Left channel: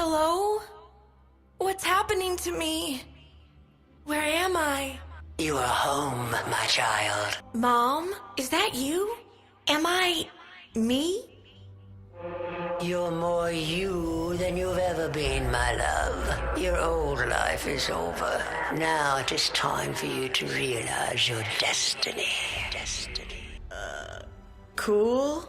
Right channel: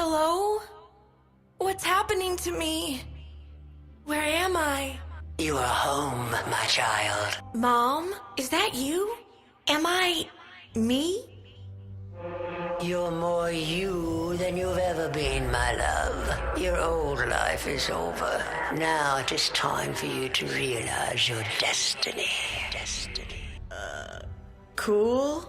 Hello? What's happening to me? Where am I? You are home, my child. Mom? Is that you? Am I... me? You're more you than you've ever been, my love. Your old life is over. Now it is time for you to realize your destiny. Cool?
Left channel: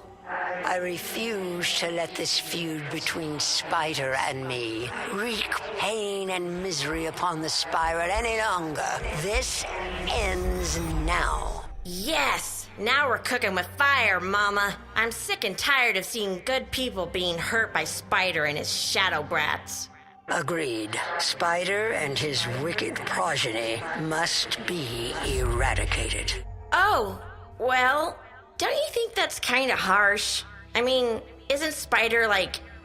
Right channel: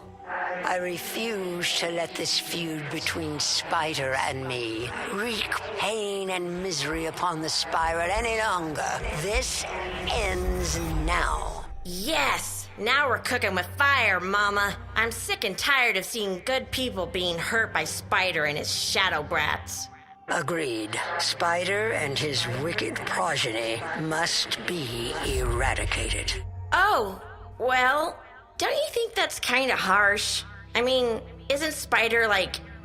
I refuse to let this feud between Spider and me wreak pain and misery upon the Spiral any longer. This ends now. Yes! Now we're cooking with fire, Mama. I'm sick and tired of seeing good people being hurt by Spider and his shadow brats. Agreed. Spider and his wicked progeny must be eradicated. Oh, well, don't you think that's kind of harsh? I mean, isn't Spider,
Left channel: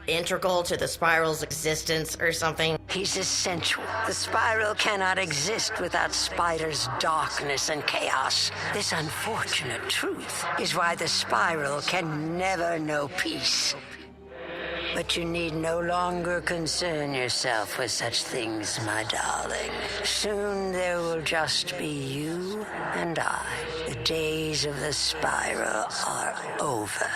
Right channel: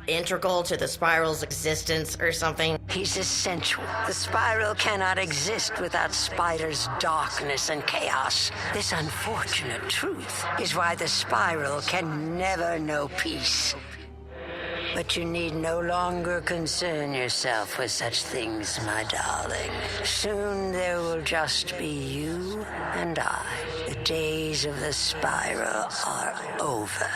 integral to the Spiral's existence or something? He's essential. The Spiral cannot exist without Spider's darkness and chaos. This unfortunate truth is why the Spiral can never know peace. But you need no longer concern yourself with such things, my darling. Soon there will just be you and I. The days of the Spiral are over.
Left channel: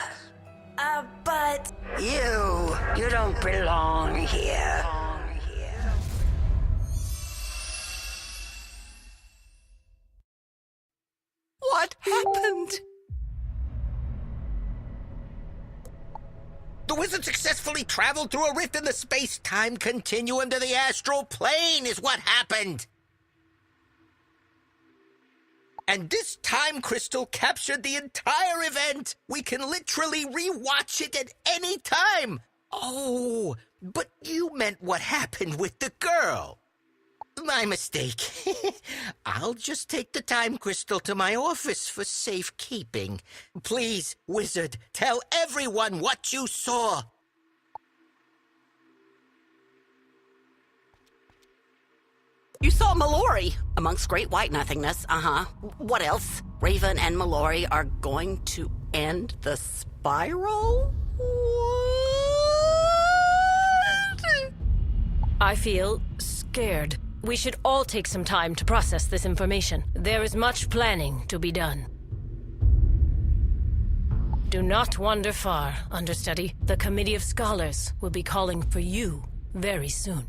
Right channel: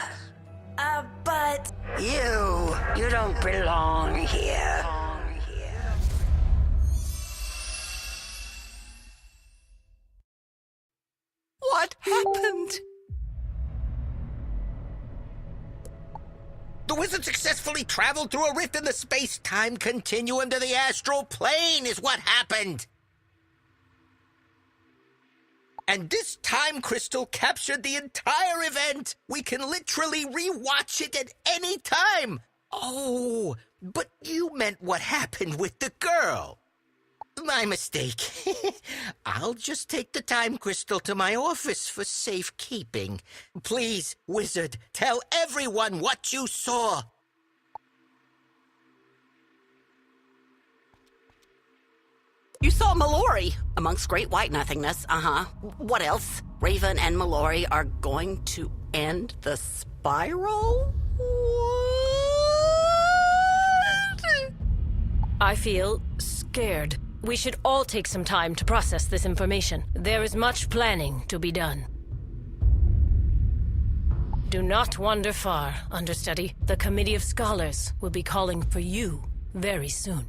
But... You don't belong here. What happened? The wizard successfully traveled through a rift in the space-time continuum to the astral plane is what happened. And this time crystal captured the entire event. We can literally re-watch it at any time. Oh, but you meant what happened with the girl. My mistake. I'll just take the time crystal to my office for safekeeping. Please, wizard, tell everyone what you saw. You saw Mallory amongst great white nothingness. What else? Raven and Mallory are going to end the Spiral? What? I feel scared. We should all take some time to process this information. There is much planning to be done. Do not wander far, understudy. The Committee of Scholars will be calling for you very soon.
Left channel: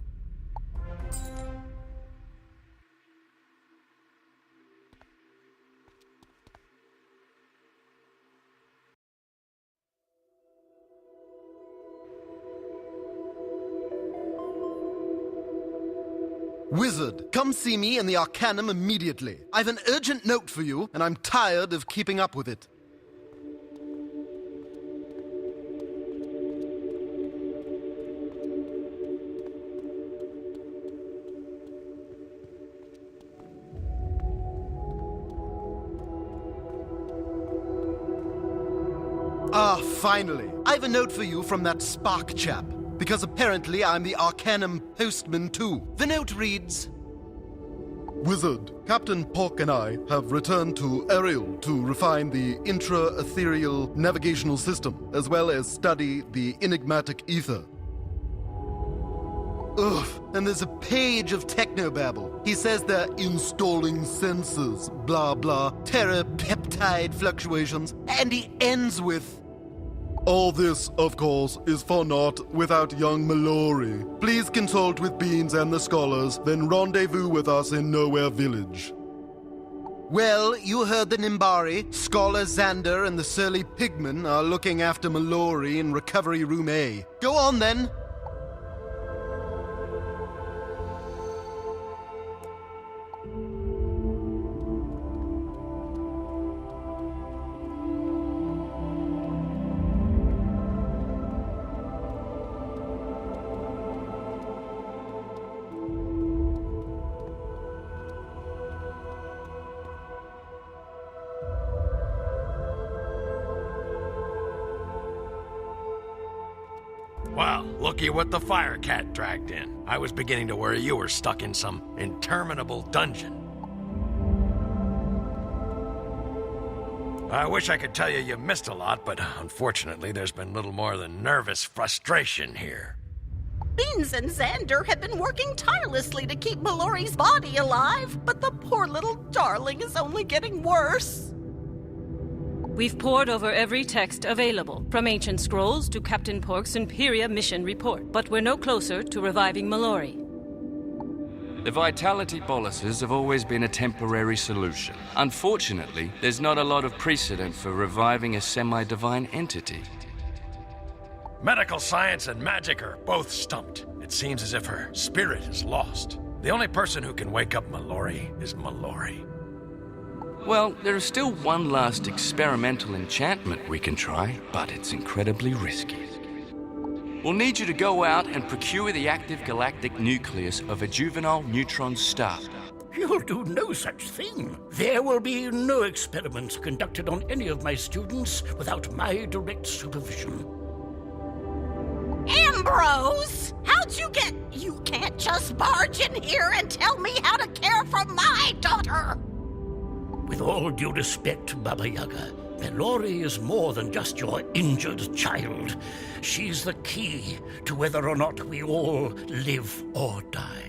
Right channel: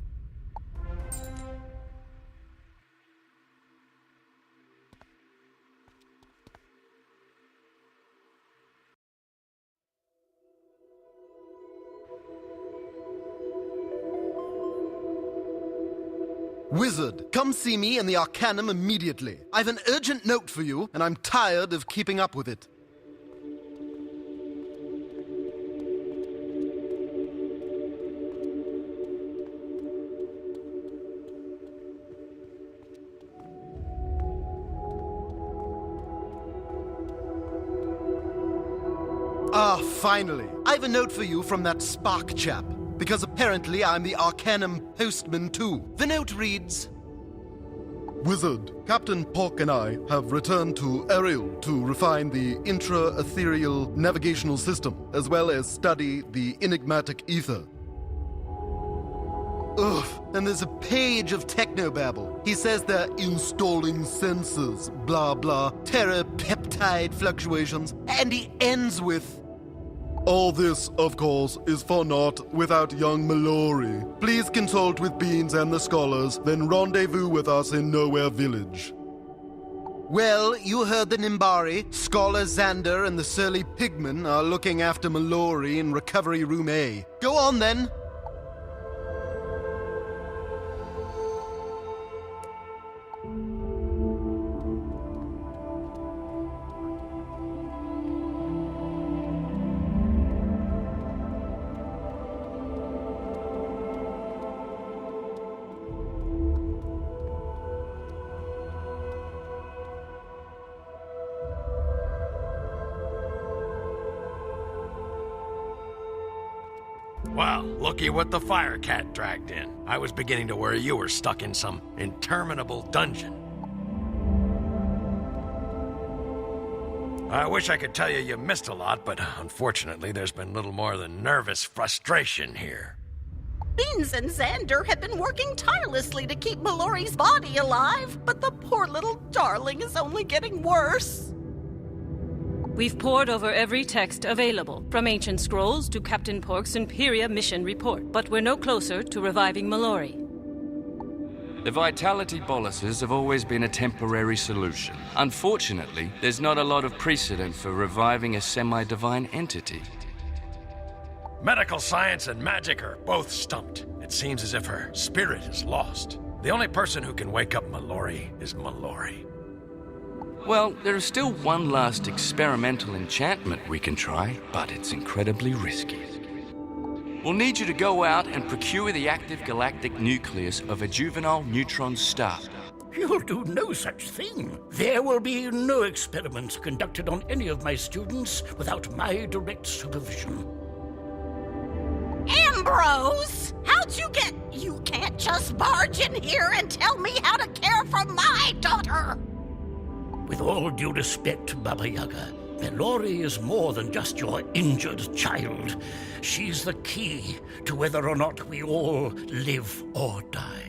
Wizard, come see me in the Arcanum immediately. I've an urgent note for you, and I'm tired of keeping up with it. Ah, finally. I've a note for you from that Spark chap. Because apparently I'm the Arcanum postman too. The note reads... Wizard, Captain Pork and I have returned to Ariel to refine the intra-ethereal navigational system, as well as study the enigmatic ether. Ugh, and there's a page of technobabble. He says they're installing sensors, blah blah, terra-peptide fluctuations, and he ends with... All this, of course, is for naught without young Mallory. Please consult with Beans and the scholars, then rendezvous with us in Nowhere Village. Well, you heard the Nimbari. Scholar Xander and the surly Pigman are looking after Mallory in Recovery Room A. Go on, then. Well, looky what the fire cat dragged in. I was beginning to worry you were stuck in some interminable dungeon. I wish I could tell you missed a lot, but unfortunately there's been little more than nervous frustration here. Beans and Xander have been working tirelessly to keep Mallory's body alive, but the poor little darling is only getting worse. We've pored over every text available, from ancient scrolls to Captain Pork's Imperia mission report, but we're no closer to reviving Mallory. The vitality boluses have always been a temporary solution. Unfortunately, there's not a lot of precedent for reviving a semi-divine entity. Medical science and magic are both stumped. It seems as if her spirit is lost. The only person who can wake up Mallory is Mallory. Well, there is still one last experimental enchantment we can try, but it's incredibly risky. We'll need you to go out and procure the active galactic nucleus of a juvenile neutron star. You'll do no such thing. There will be no experiments conducted on any of my students without my direct supervision. Ambrose! How'd you get... You can't just barge in here and tell me how to care for my daughter! With all due respect, Baba Yaga, Mallory is more than just your injured child. She's the key to whether or not we all live or die.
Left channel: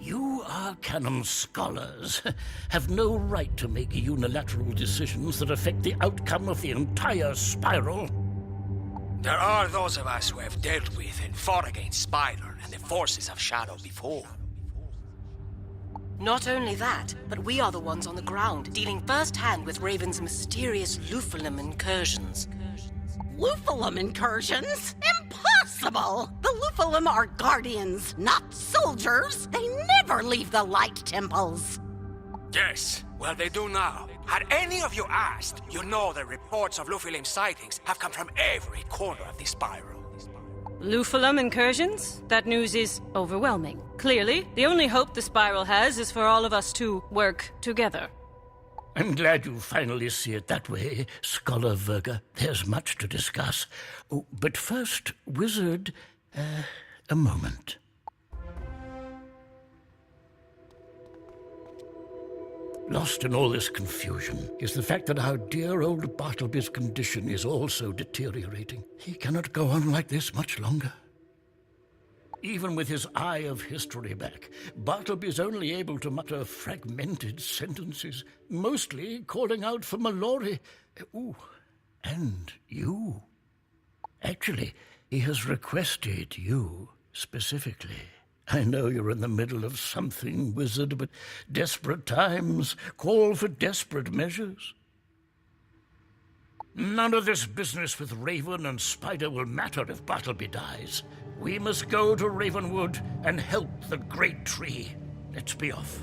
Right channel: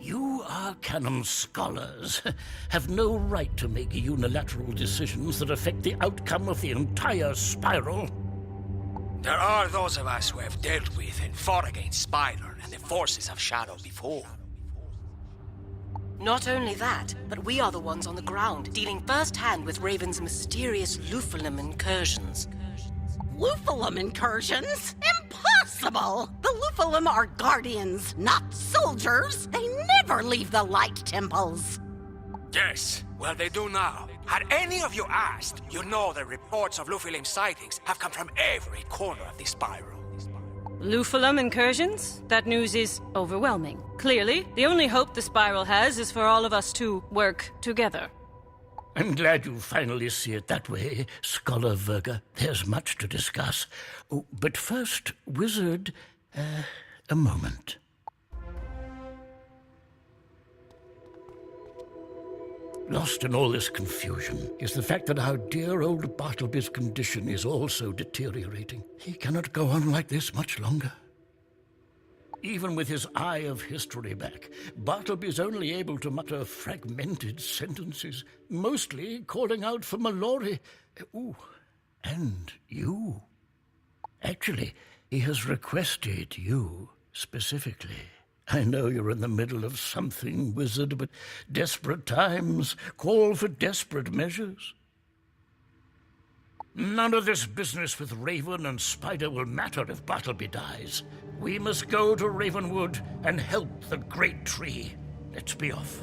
You Arcanum scholars have no right to make unilateral decisions that affect the outcome of the entire spiral. There are those of us who have dealt with and fought against Spider and the forces of Shadow before. Not only that, but we are the ones on the ground, dealing first-hand with Raven's mysterious Lupulum incursions. Lupulum incursions? Impossible! The Lupulum are guardians, not soldiers. They never leave the light temples. Yes, well they do now. Had any of you asked, you know the reports of Lupulum sightings have come from every corner of the spiral. Lupulum incursions? That news is overwhelming. Clearly, the only hope the Spiral has is for all of us to work together. I'm glad you finally see it that way, Scholar Verga. There's much to discuss. Oh, but first, Wizard, a moment. Lost in all this confusion is the fact that our dear old Bartleby's condition is also deteriorating. He cannot go on like this much longer. Even with his eye of history back, Bartleby's only able to mutter fragmented sentences, mostly calling out for Mallory. Ooh, and you. Actually, he has requested you specifically. I know you're in the middle of something, Wizard, but desperate times call for desperate measures. None of this business with Raven and Spider will matter if Bartleby dies. We must go to Ravenwood and help the Great Tree. Let's be off.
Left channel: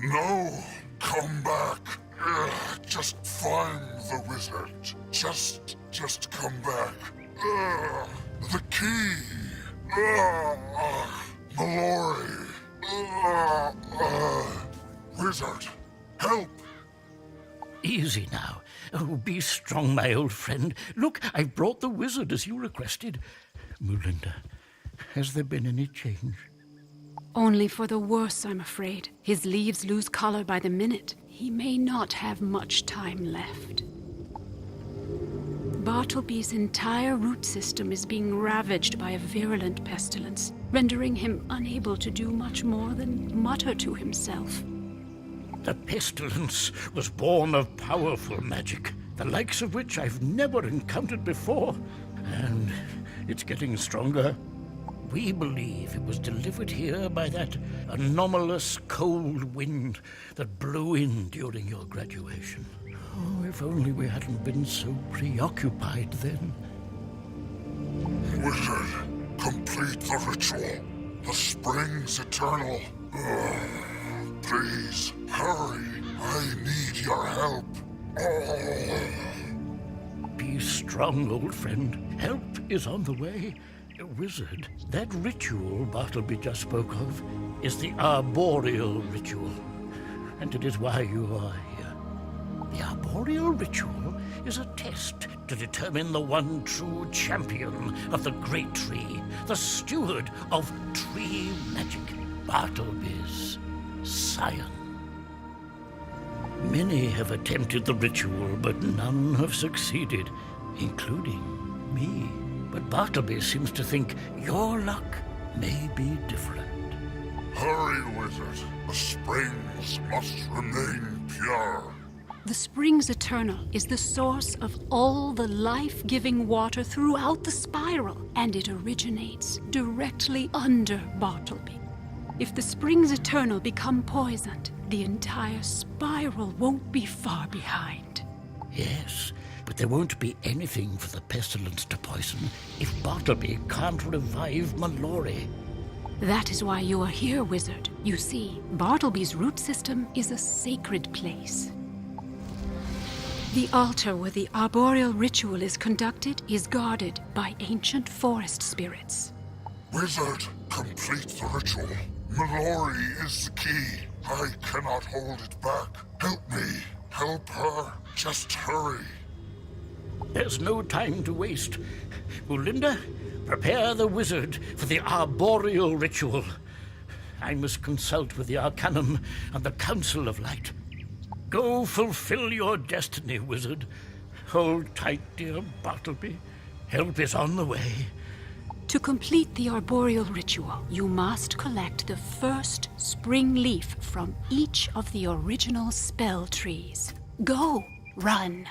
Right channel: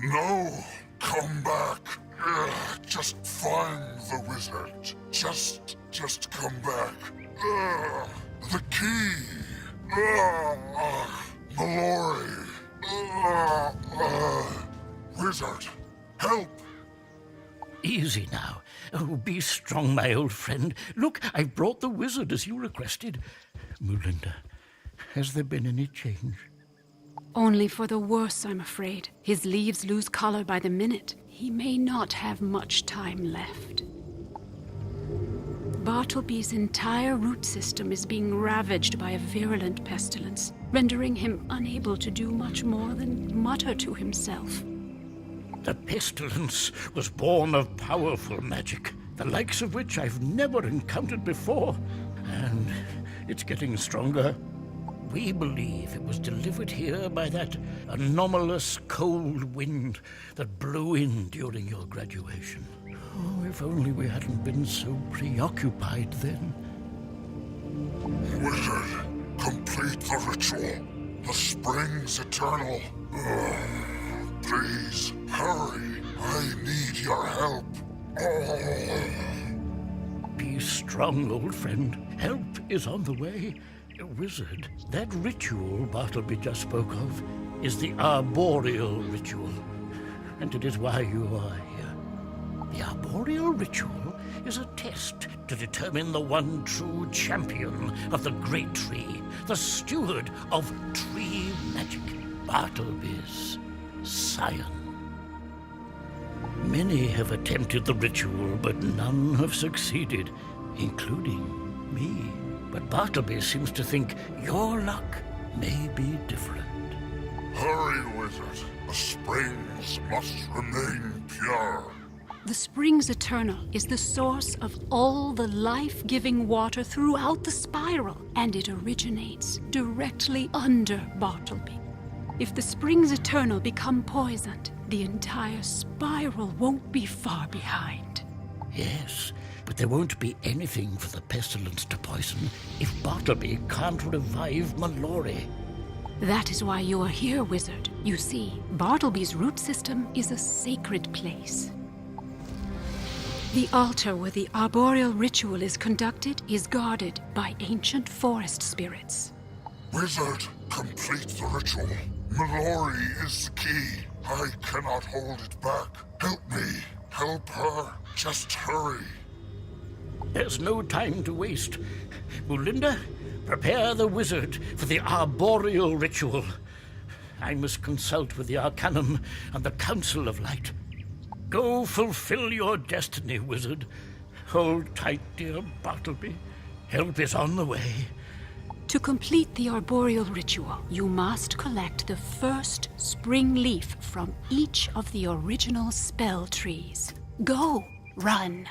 No, come back. Just find the wizard. Just come back. The key. Mallory. Wizard, help. Easy now. Oh, be strong, my old friend. Look, I've brought the wizard as you requested. Mulinda, has there been any change? Only for the worse, I'm afraid. His leaves lose color by the minute. He may not have much time left. Bartleby's entire root system is being ravaged by a virulent pestilence, rendering him unable to do much more than mutter to himself. The pestilence was born of powerful magic, the likes of which I've never encountered before. And it's getting stronger. We believe it was delivered here by that anomalous cold wind that blew in during your graduation. Oh, if only we hadn't been so preoccupied then. Wizard, complete the ritual. The spring's eternal. Please, hurry. I need your help. Be strong, old friend. Help is on the way. Wizard, that ritual Bartleby just spoke of is the arboreal ritual, and it is why you are here. The arboreal ritual is a test to determine the one true champion of the great tree, the steward of tree magic, Bartleby's scion. Many have attempted the ritual, but none have succeeded, including me. But Bartleby seems to think your luck may be different. Hurry, Wizard. The springs must remain pure. The Springs Eternal is the source of all the life-giving water throughout the spiral, and it originates directly under Bartleby. If the Springs Eternal become poisoned, the entire spiral won't be far behind. Yes, but there won't be anything for the pestilence to poison if Bartleby can't revive Mallory. That is why you are here, Wizard. You see, Bartleby's root system is a sacred place. The altar where the arboreal ritual is conducted is guarded by ancient forest spirits. Wizard, complete the ritual. Mallory is the key. I cannot hold it back. Help me. Help her. Just hurry. There's no time to waste. Mulinda, prepare the wizard for the arboreal ritual. I must consult with the Arcanum and the Council of Light. Go fulfill your destiny, wizard. Hold tight, dear Bartleby. Help is on the way. To complete the arboreal ritual, you must collect the first spring leaf from each of the original spell trees. Go, run.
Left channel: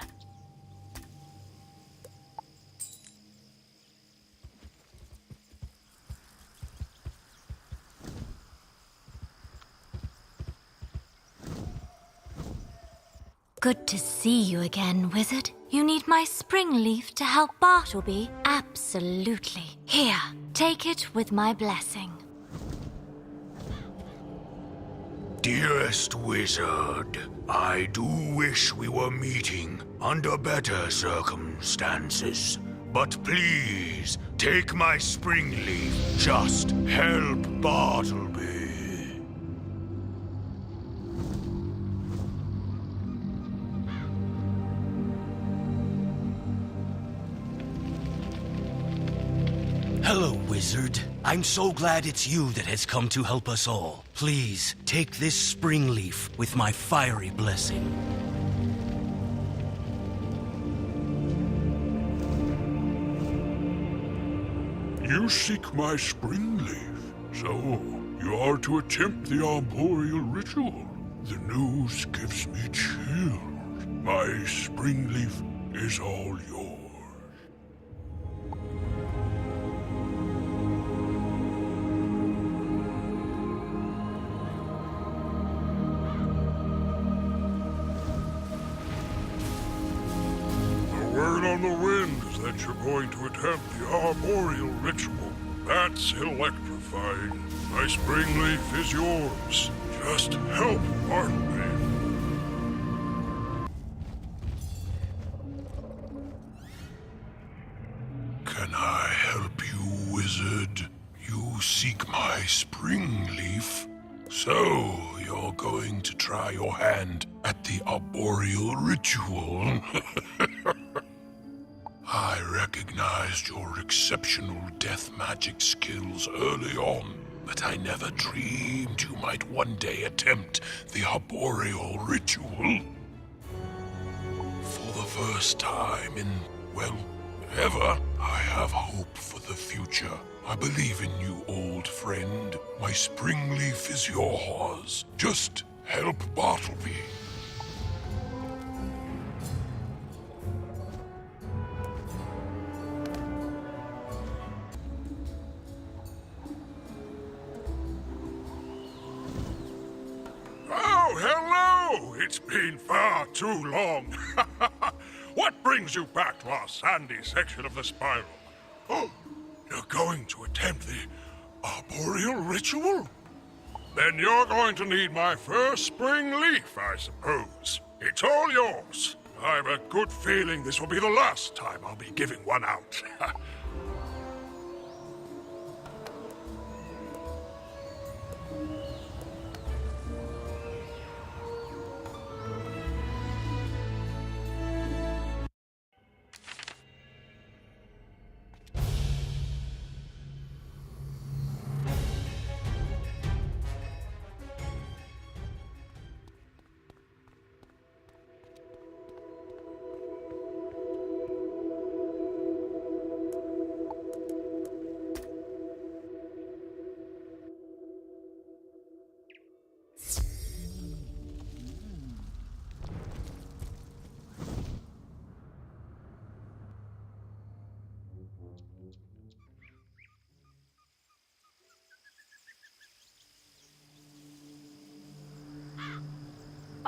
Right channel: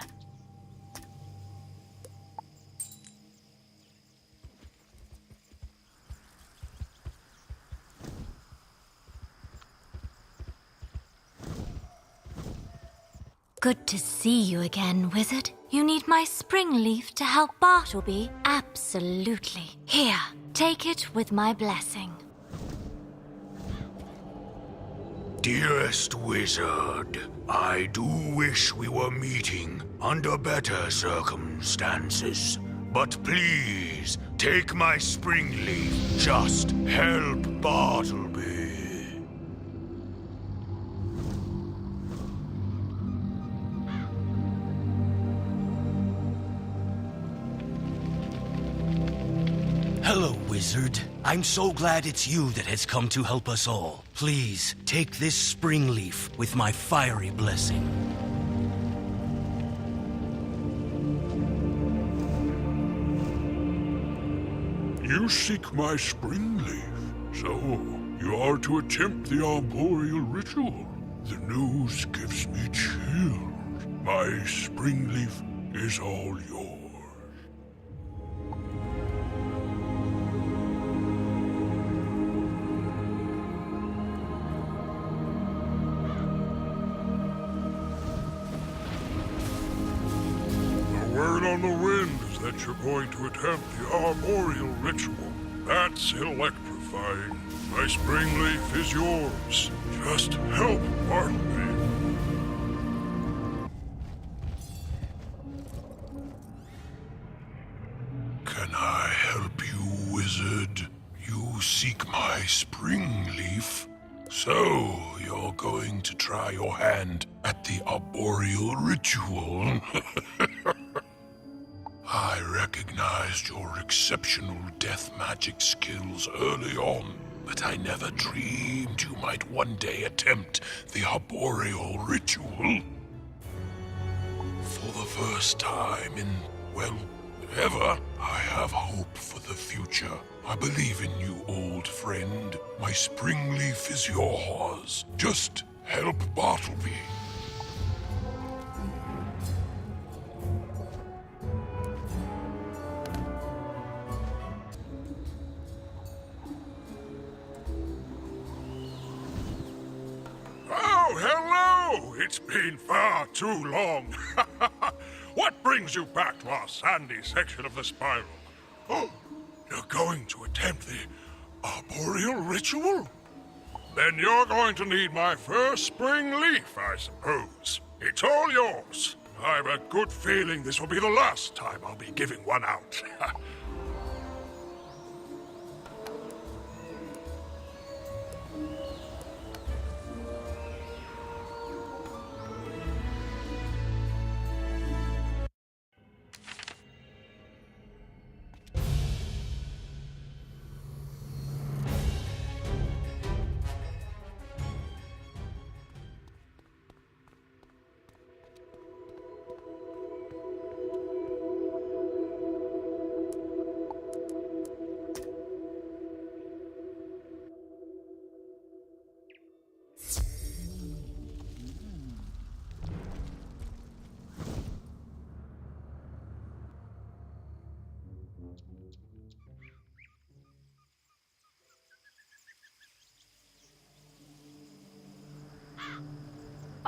Good to see you again, Wizard. You need my spring leaf to help Bartleby? Absolutely. Here, take it with my blessing. Dearest Wizard, I do wish we were meeting under better circumstances. But please, take my spring leaf. Just help Bartleby. Hello, Wizard. I'm so glad it's you that has come to help us all. Please, take this spring leaf with my fiery blessing. You seek my spring leaf, so you are to attempt the arboreal ritual. The news gives me chills. My spring leaf is all yours. The word on the wind is that you're going to attempt the arboreal ritual. That's electrifying. My spring leaf is yours. Just help Bartleby. Can I help you, wizard? You seek my spring leaf? So, you're going to try your hand at the arboreal ritual? I recognized your exceptional death magic skills early on, but I never dreamed you might one day attempt the arboreal ritual. For the first time in, well, ever, I have hope for the future. I believe in you, old friend. My spring leaf is yours. Just help Bartleby. it's been far too long. What brings you back to our sandy section of the spiral? Oh, you're going to attempt the arboreal ritual? Then you're going to need my first spring leaf, I suppose. It's all yours. I've a good feeling this will be the last time I'll be giving one out.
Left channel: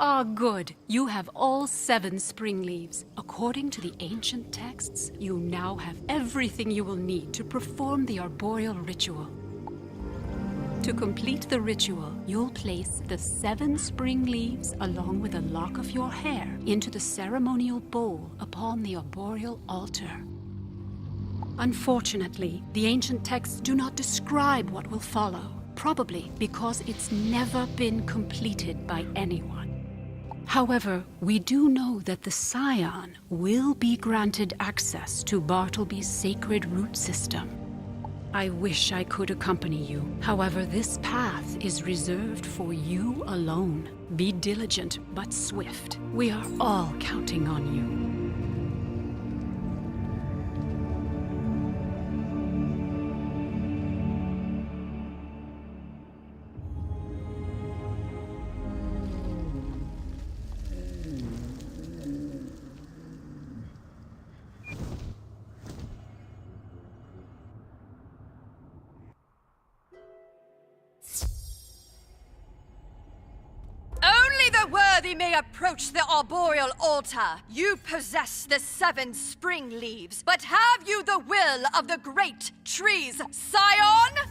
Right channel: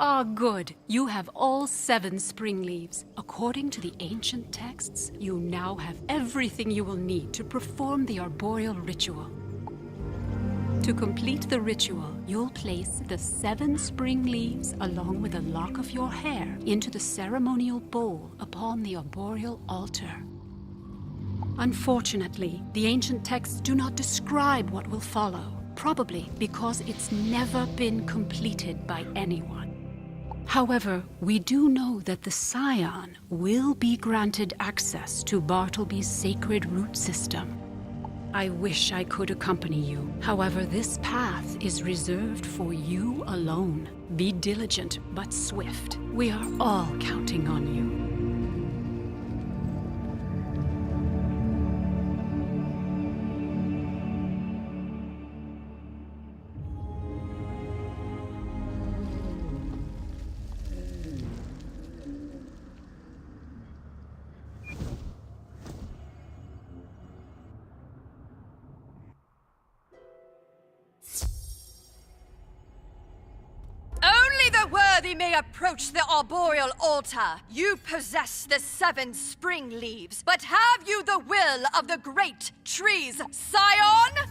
Ah, good. You have all 7 spring leaves. According to the ancient texts, you now have everything you will need to perform the arboreal ritual. To complete the ritual, you'll place the 7 spring leaves along with a lock of your hair into the ceremonial bowl upon the arboreal altar. Unfortunately, the ancient texts do not describe what will follow, probably because it's never been completed by anyone. However, we do know that the Scion will be granted access to Bartleby's sacred root system. I wish I could accompany you. However, this path is reserved for you alone. Be diligent but swift. We are all counting on you. Worthy may approach the arboreal altar. You possess the 7 spring leaves, but have you the will of the great trees, Scion?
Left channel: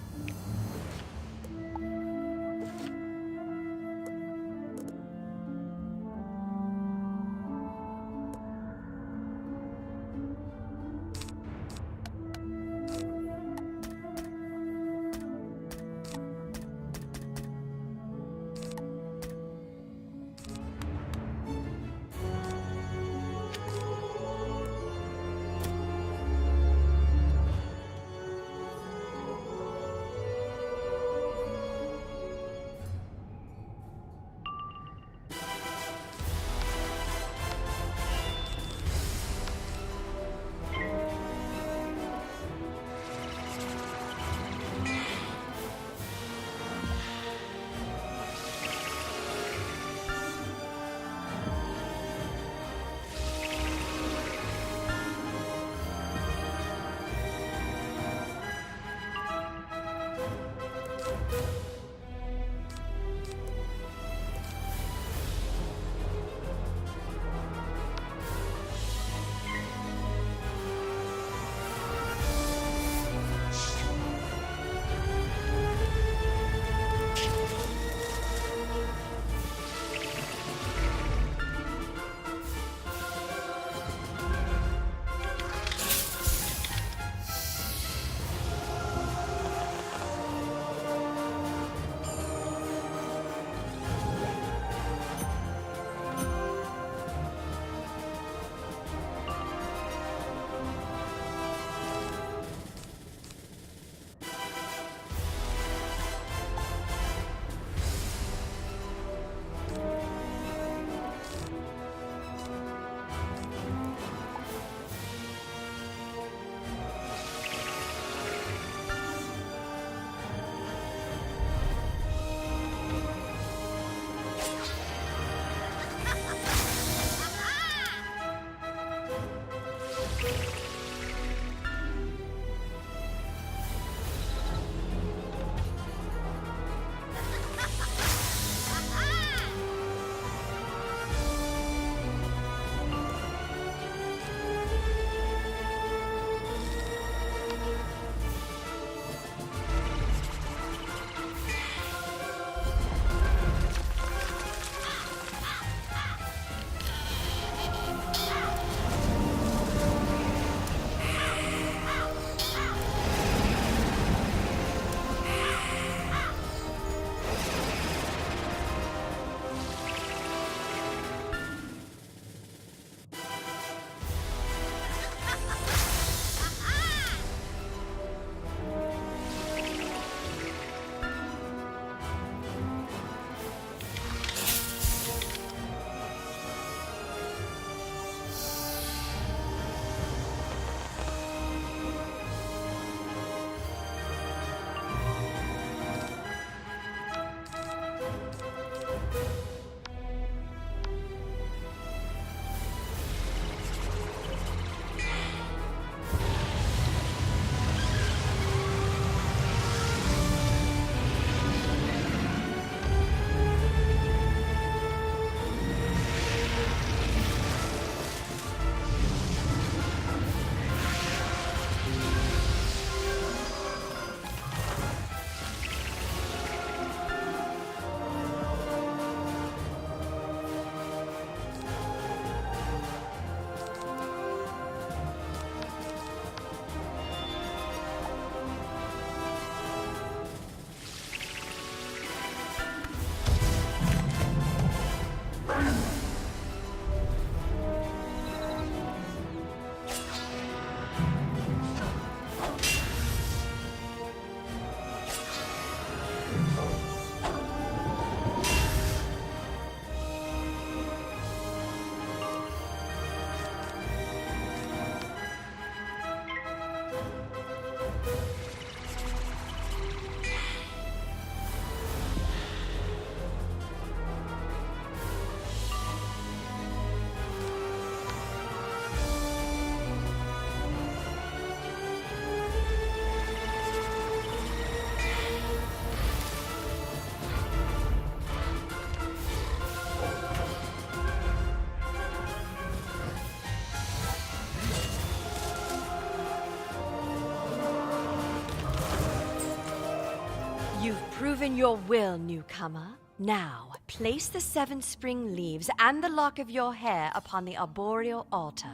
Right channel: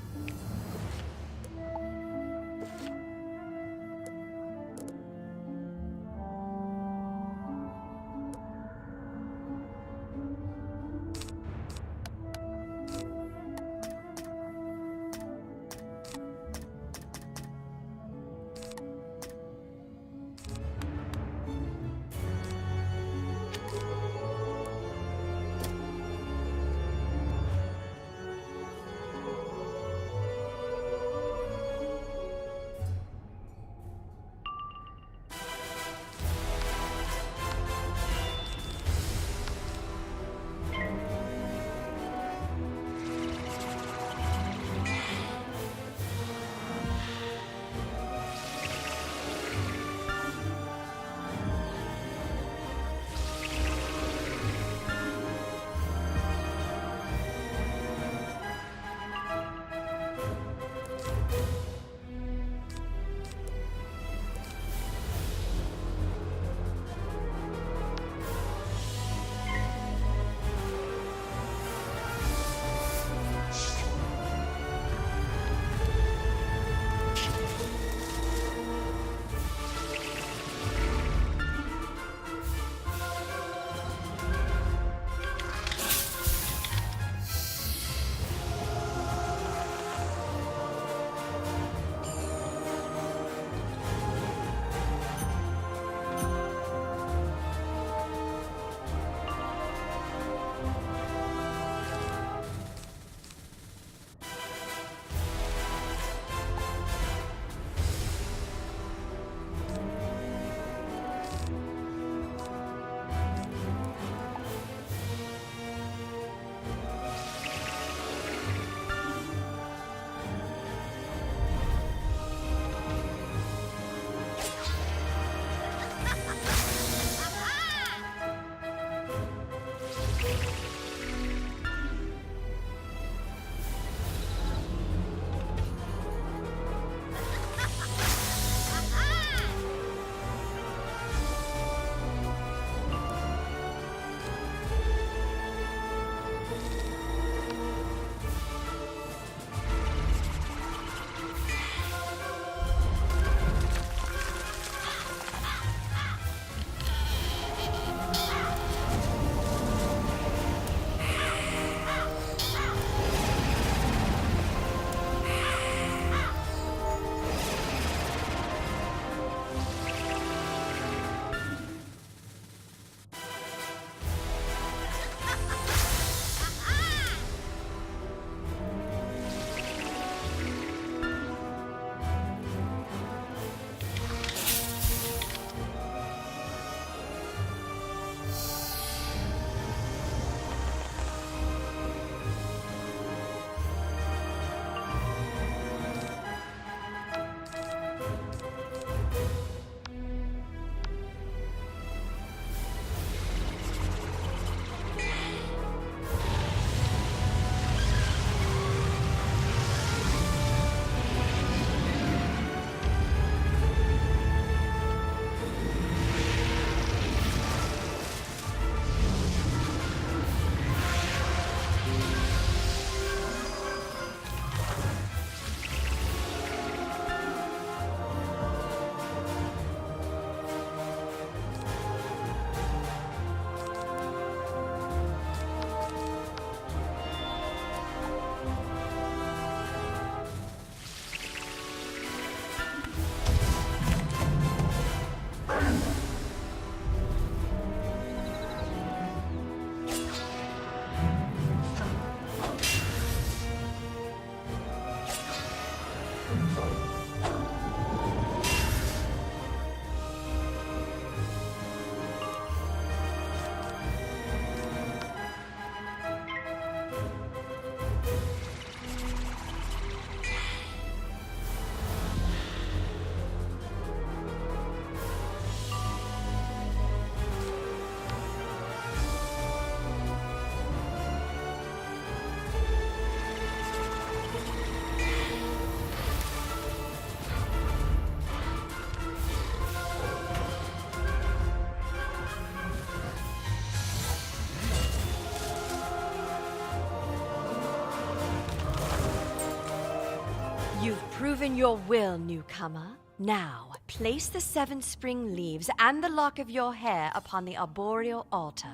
You've proven your will, newcomer. Now, place the 7 spring leaves and the lock of your hair upon the arboreal altar.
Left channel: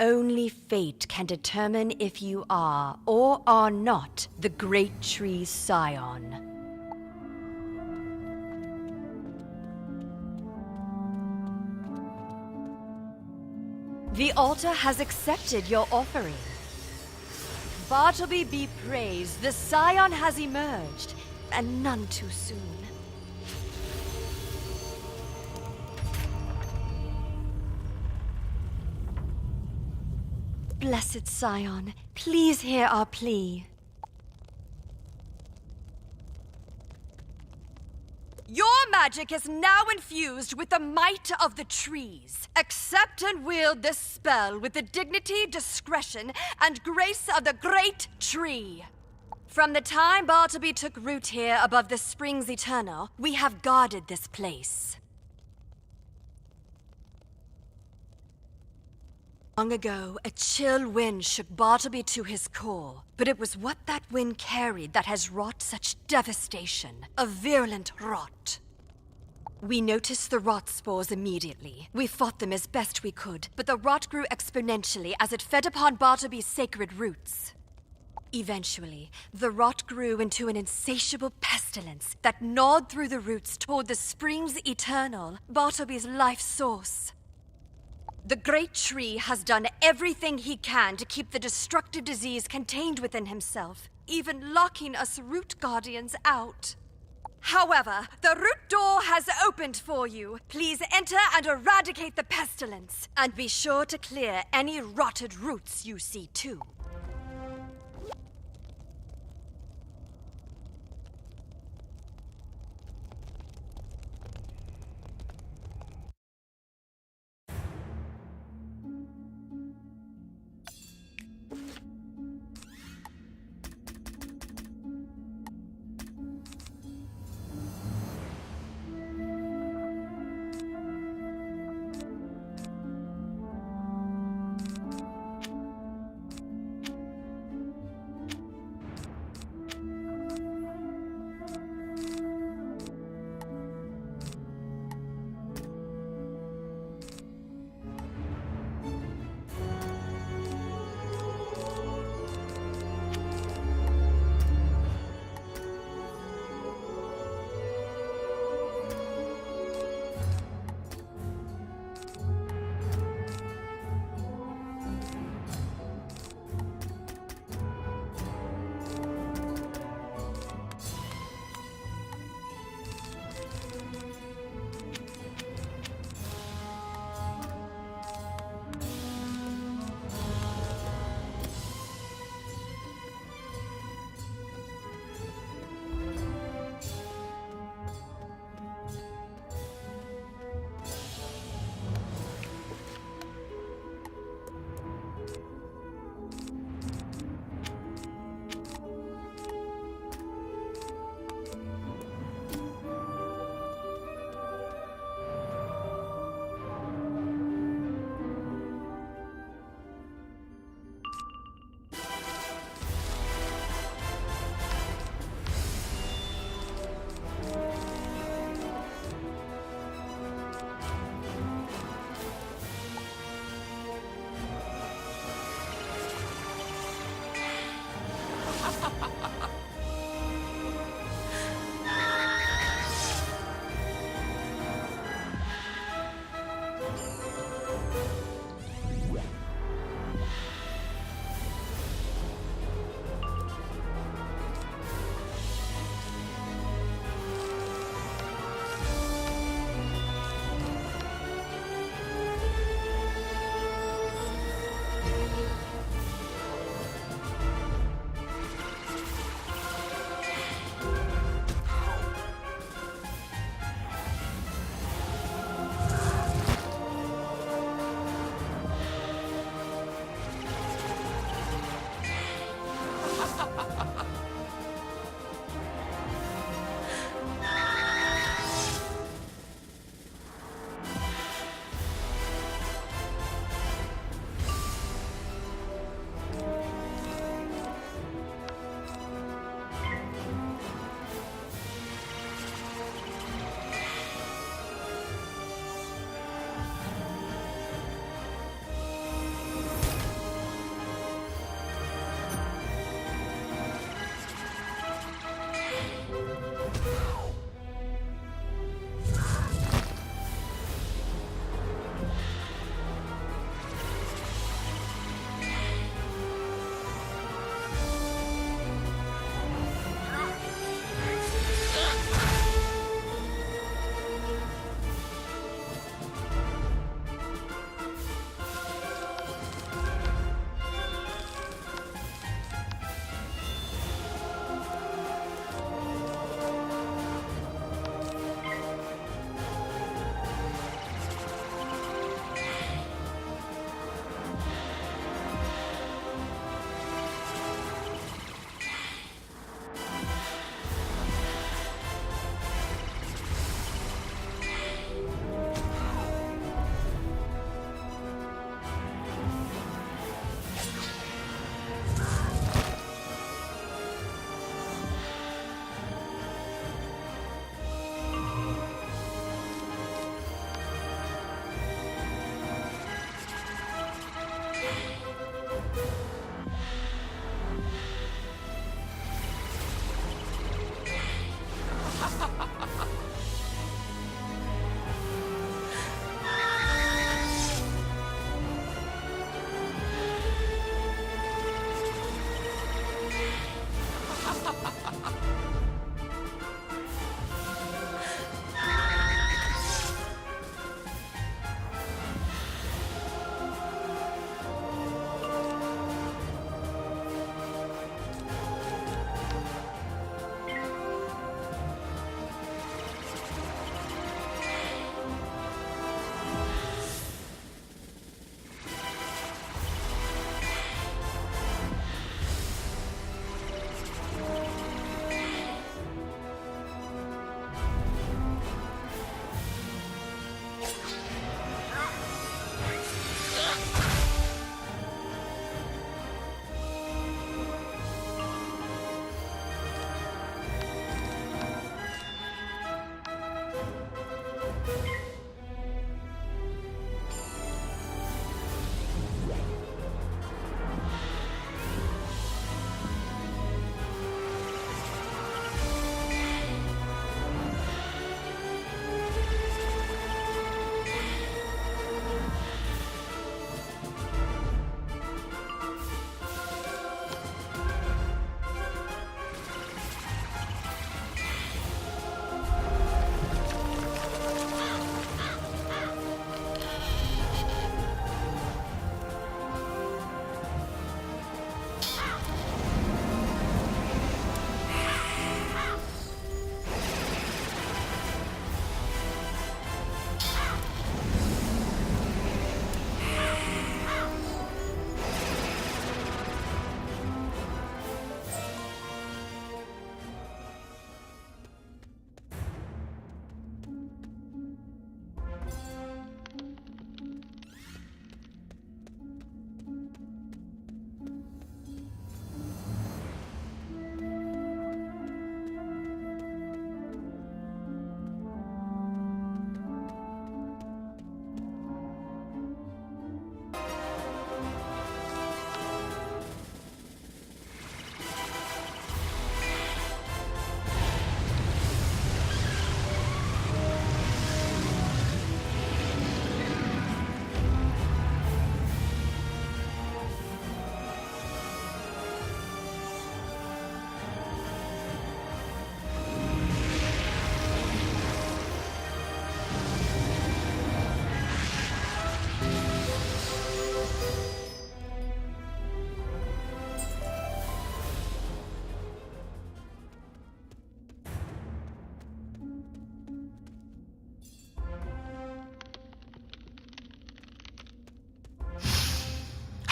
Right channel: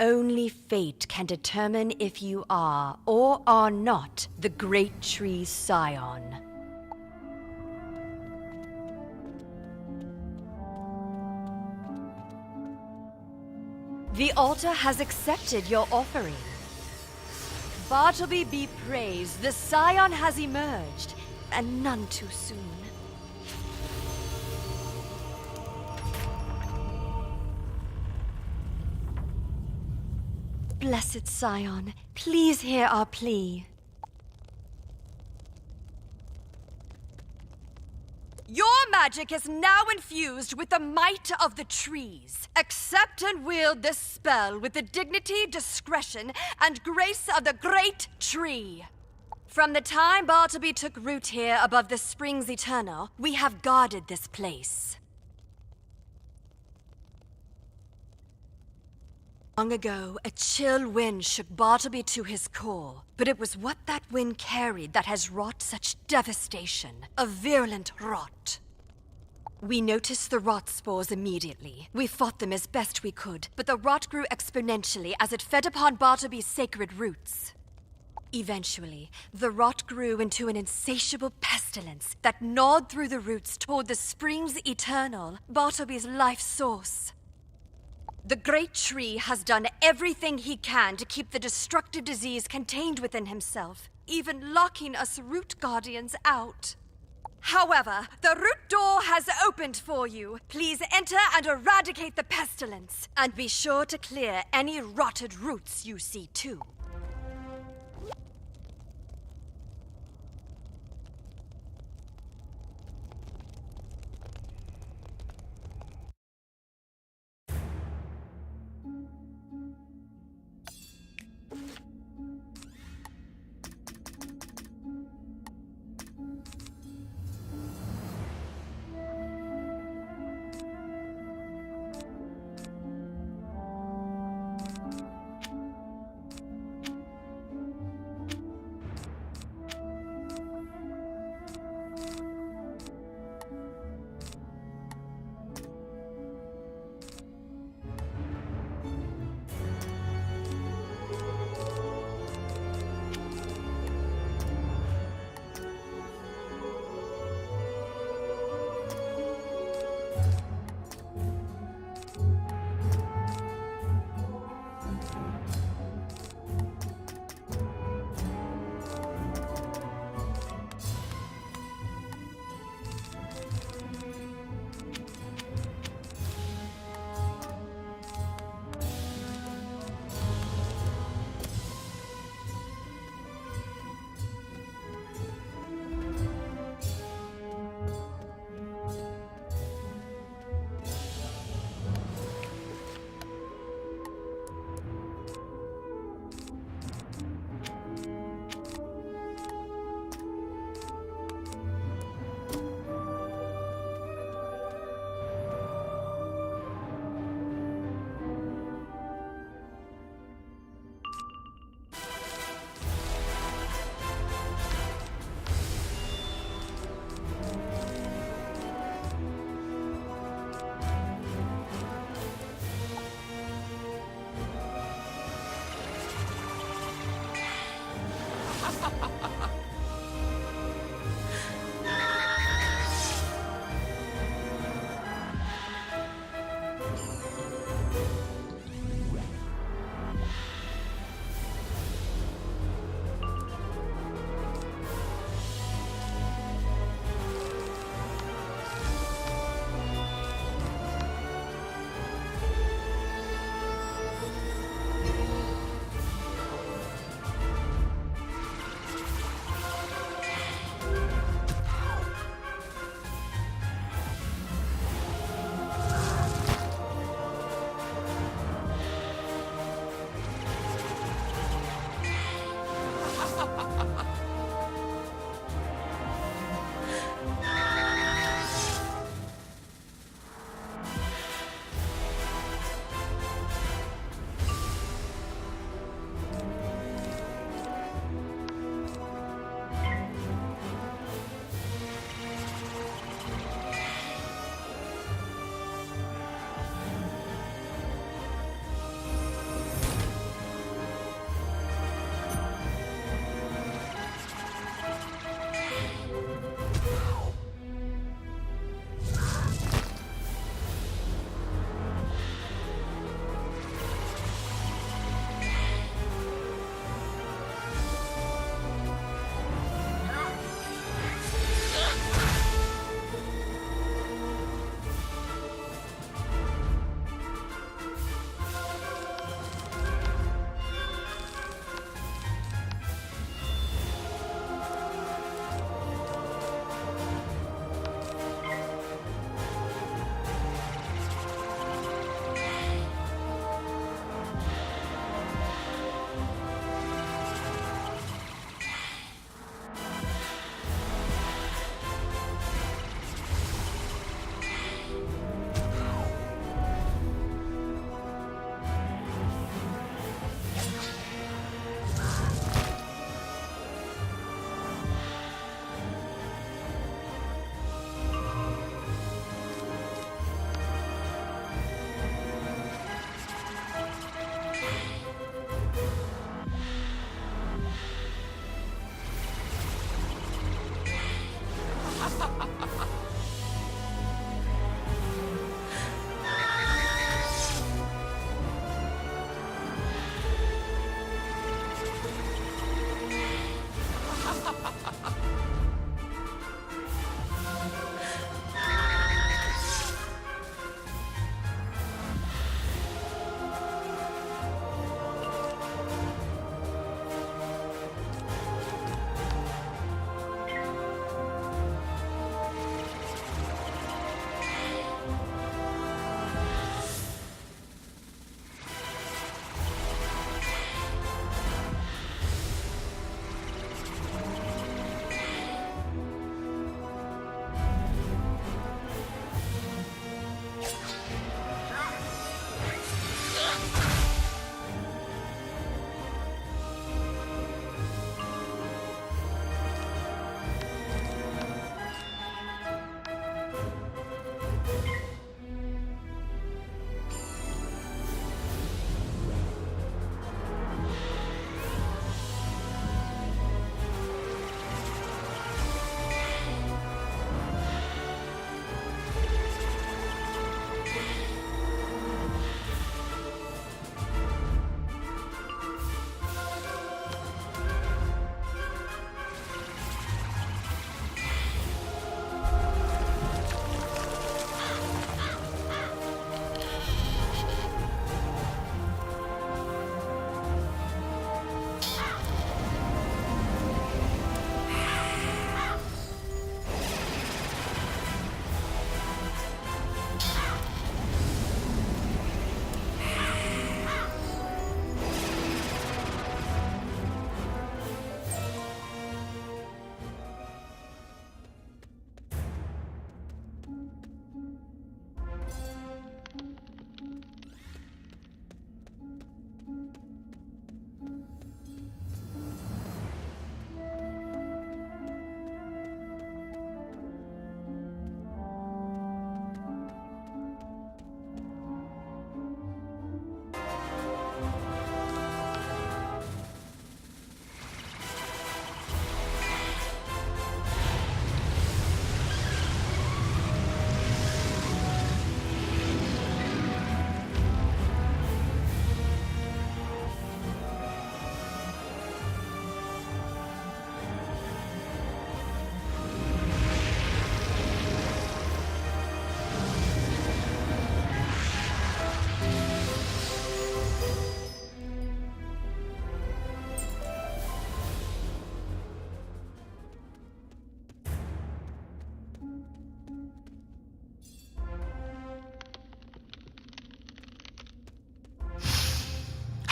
Only fate can determine if you are or are not the great tree's scion. The altar has accepted your offering. Bartleby be praised, the scion has emerged, and none too soon. Blessed scion, please hear our plea. Your magic is now infused with the might of the trees. Accept and wield this spell with the dignity, discretion, and grace of the great tree. From the time Bartleby took root here above the springs eternal, we have guarded this place. Long ago, a chill wind shook Bartleby to his core, but it was what that wind carried that has wrought such devastation, a virulent rot. We noticed the rot spores immediately. We fought them as best we could, but the rot grew exponentially as it fed upon Bartleby's sacred roots. Eventually, the rot grew into an insatiable pestilence that gnawed through the roots toward the springs eternal, Bartleby's life source. The great tree has done everything he can to keep the destructive disease contained within himself, even locking us root guardians out. However, the root door has opened for you. Please enter and eradicate the pestilence, and be sure to clear any rotted roots you see too.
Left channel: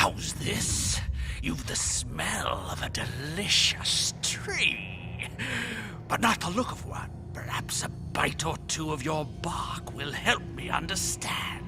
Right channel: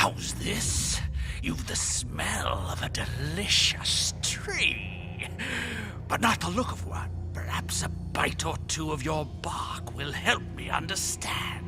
How's this? You've the smell of a delicious tree, but not the look of one. Perhaps a bite or two of your bark will help me understand.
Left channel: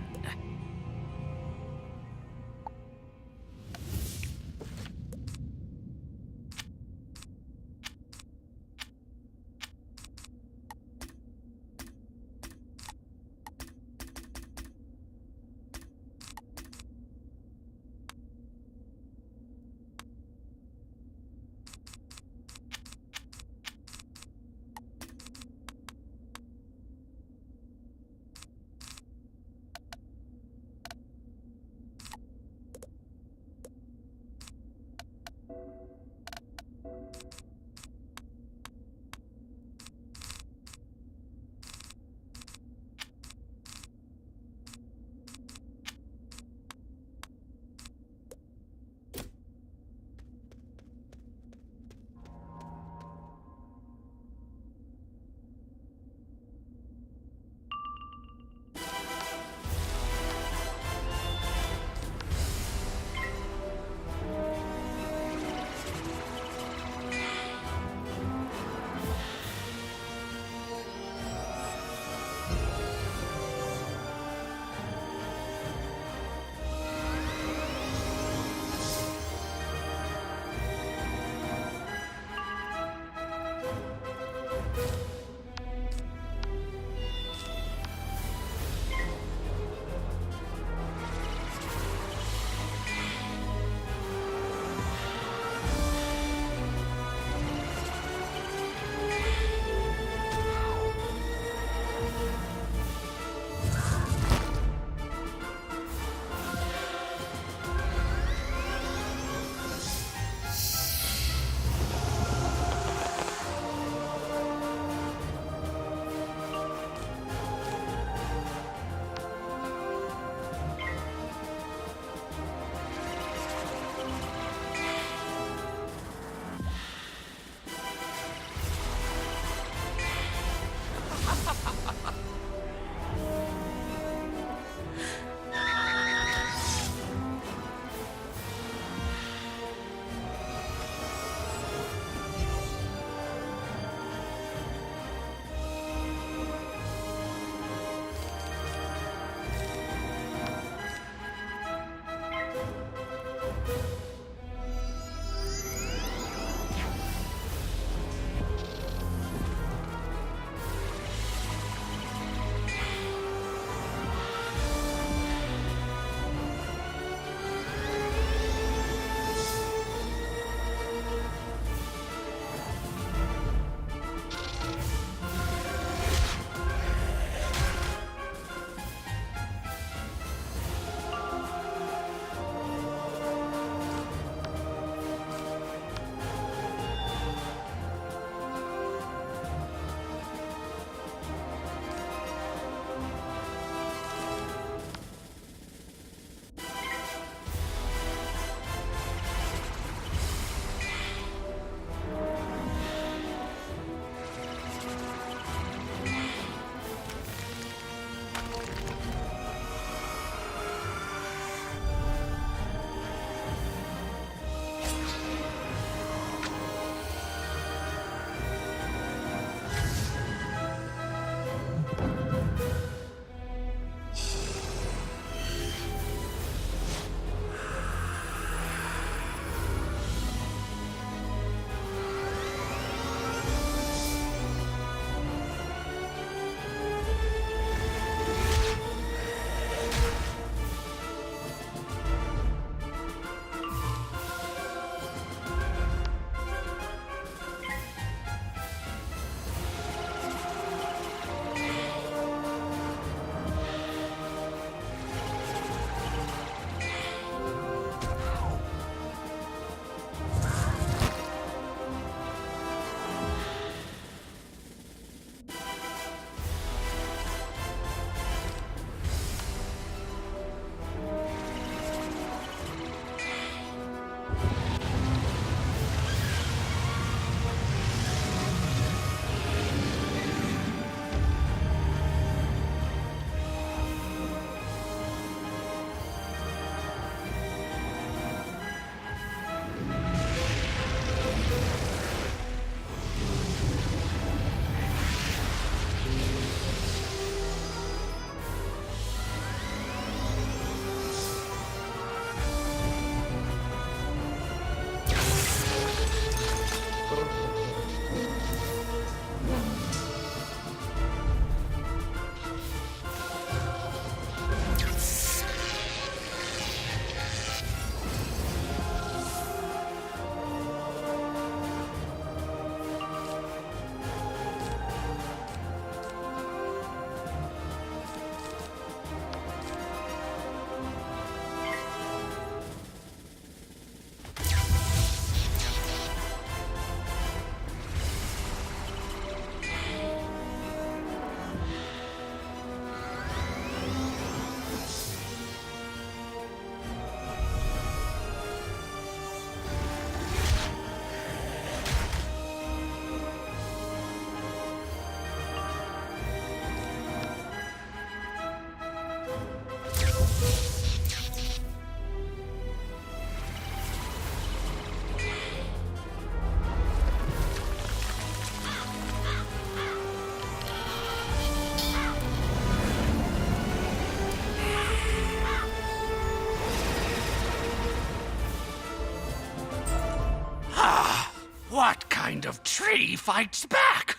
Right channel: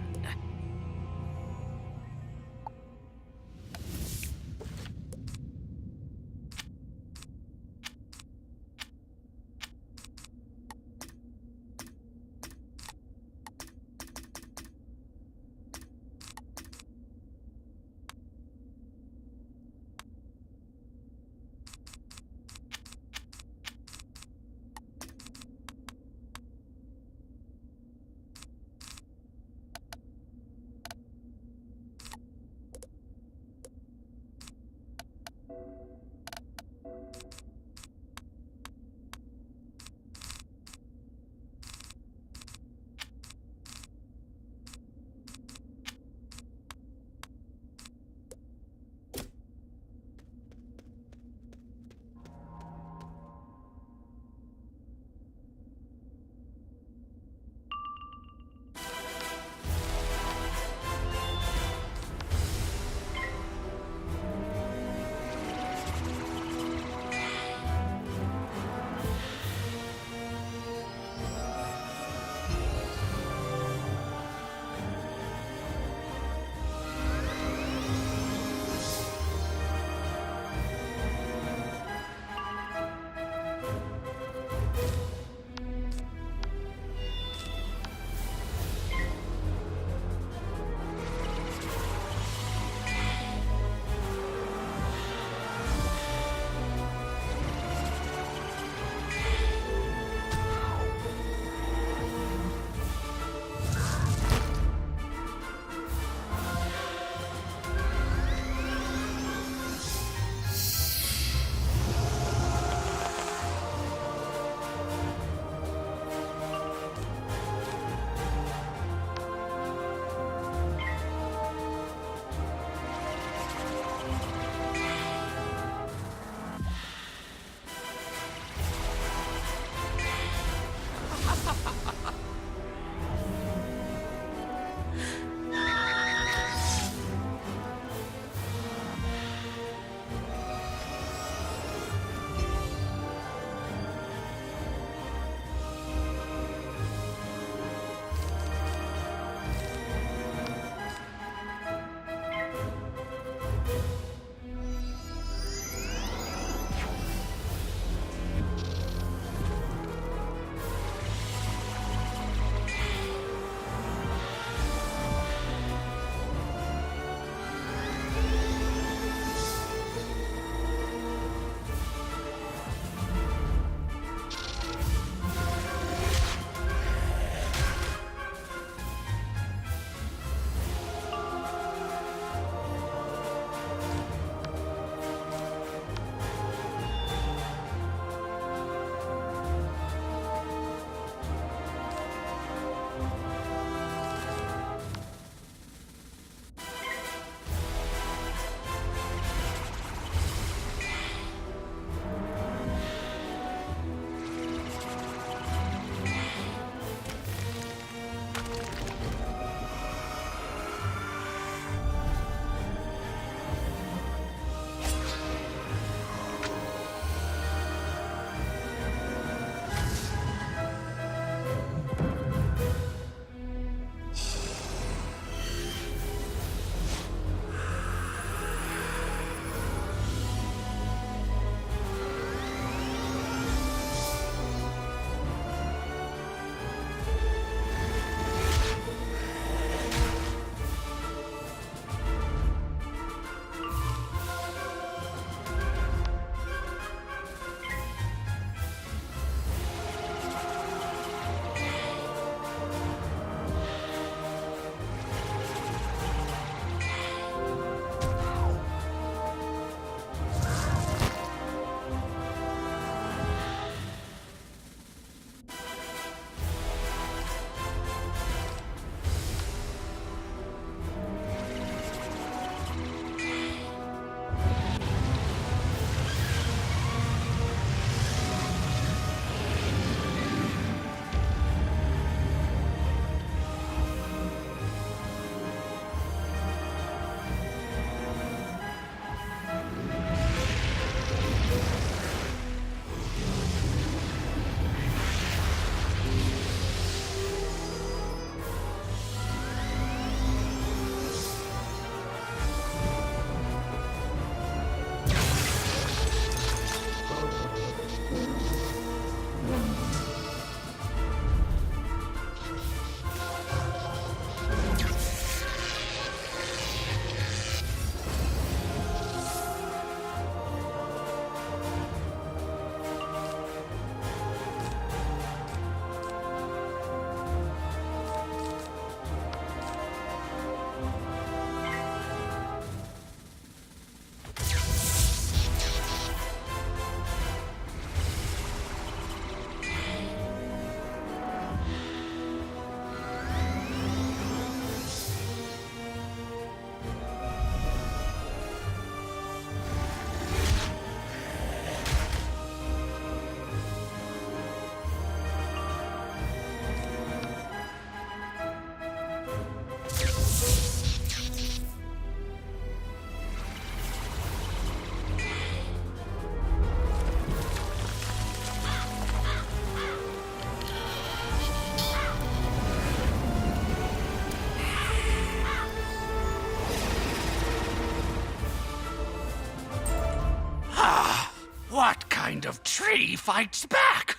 What kind of tree fights back?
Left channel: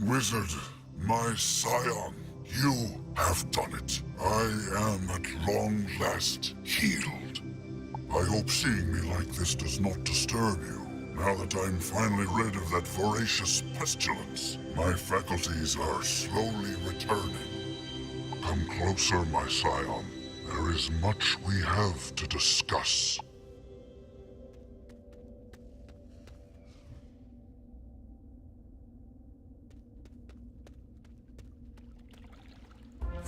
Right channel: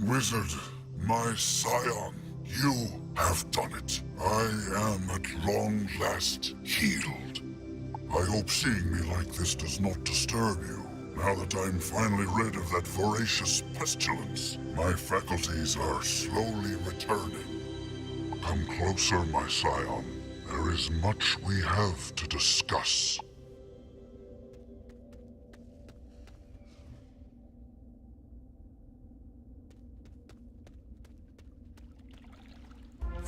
Wizard, my scion, you have done it. I am at long last healed. I hope seeing me like this does not disturb you. Now that I'm finally rid of that voracious pestilence, my faculties are slowly returning. Come closer, my scion. There is much we have to discuss.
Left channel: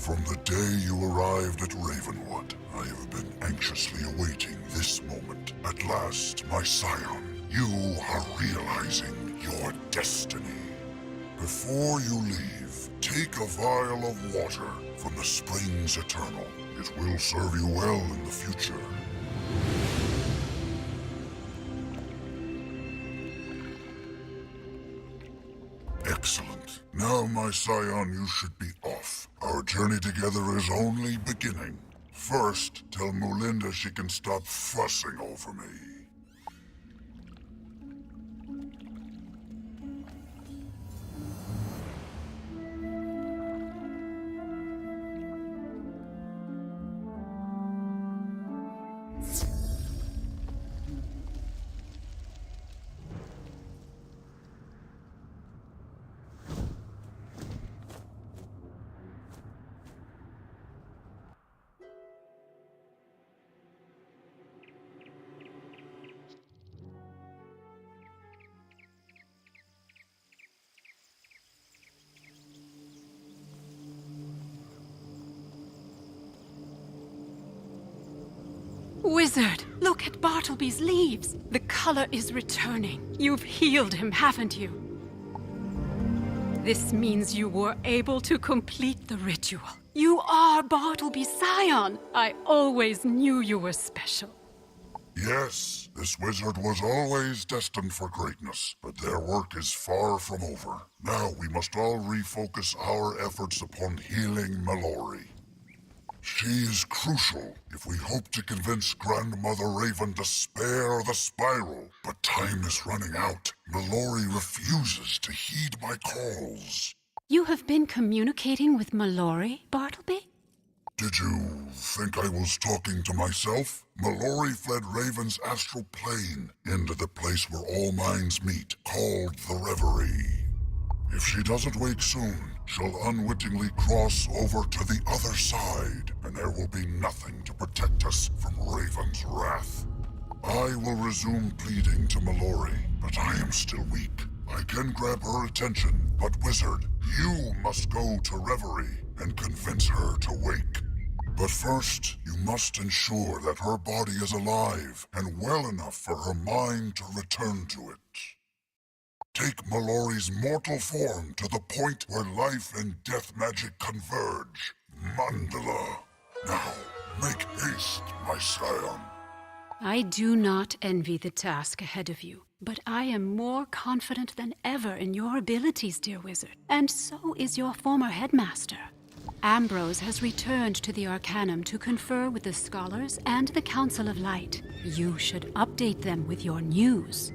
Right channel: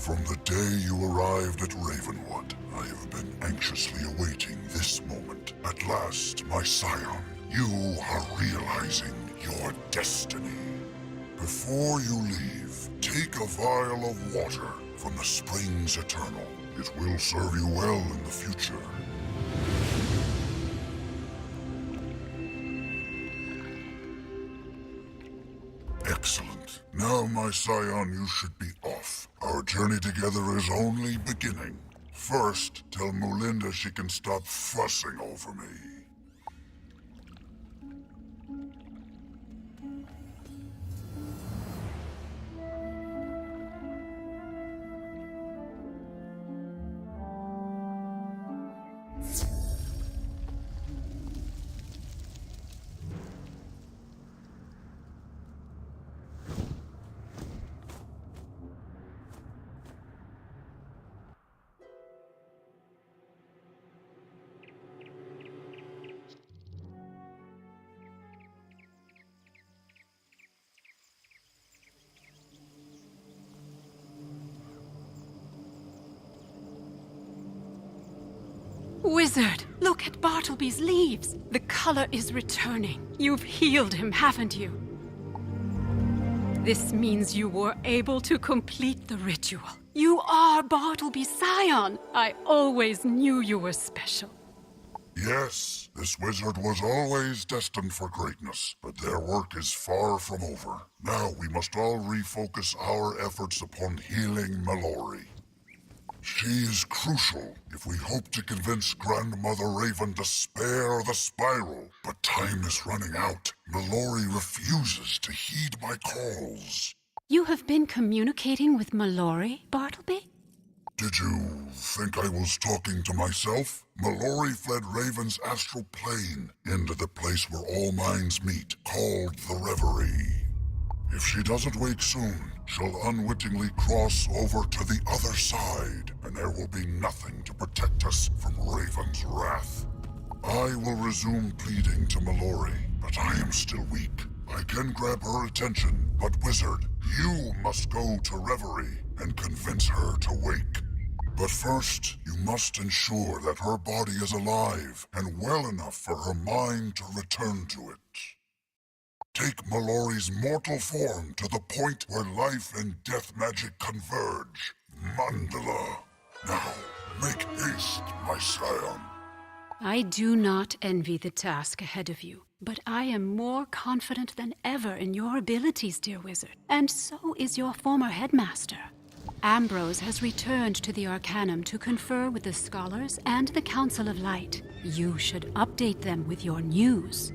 From the day you arrived at Ravenwood, I have been anxiously awaiting this moment. At last, my scion, you are realizing your destiny. Before you leave, take a vial of water from the springs eternal. It will serve you well in the future. Excellent. Now, my scion, you should be off. Our journey together is only beginning. First, tell Mulinda she can stop fussing over me. Wizard, look at Bartleby's leaves. The color is returning. You've healed him, haven't you? This means you were able to complete the ritual. You are Bartleby's scion. I always knew you were special. Yes, this wizard was always destined for greatness, but their work is far from over. Now we must all refocus our efforts upon healing Mallory. She is crucial if we hope to convince Grandmother Raven to spare the spiral. But time is running out. Mallory refuses to heed my calls. You have been communicating with Mallory, Bartleby? Did you think I was talking to myself? Mallory fled Raven's astral plane into the place where all minds meet, called the Reverie. If she doesn't wake soon, she'll unwittingly cross over to the other side, and there will be nothing to protect us from Raven's wrath. I will resume pleading to Mallory, but I am still weak. I can grab her attention, but Wizard, you must go to Reverie and convince her to wake. But first, you must ensure that her body is alive and well enough for her mind to return to it. Take Mallory's mortal form to the point where life and death magic converge. Mandala. Now, make haste, my scion. I do not envy the task ahead of you, but I am more confident than ever in your abilities, dear wizard. And so is your former headmaster. Ambrose has returned to the Arcanum to confer with the scholars and the Council of Light. You should update them with your news.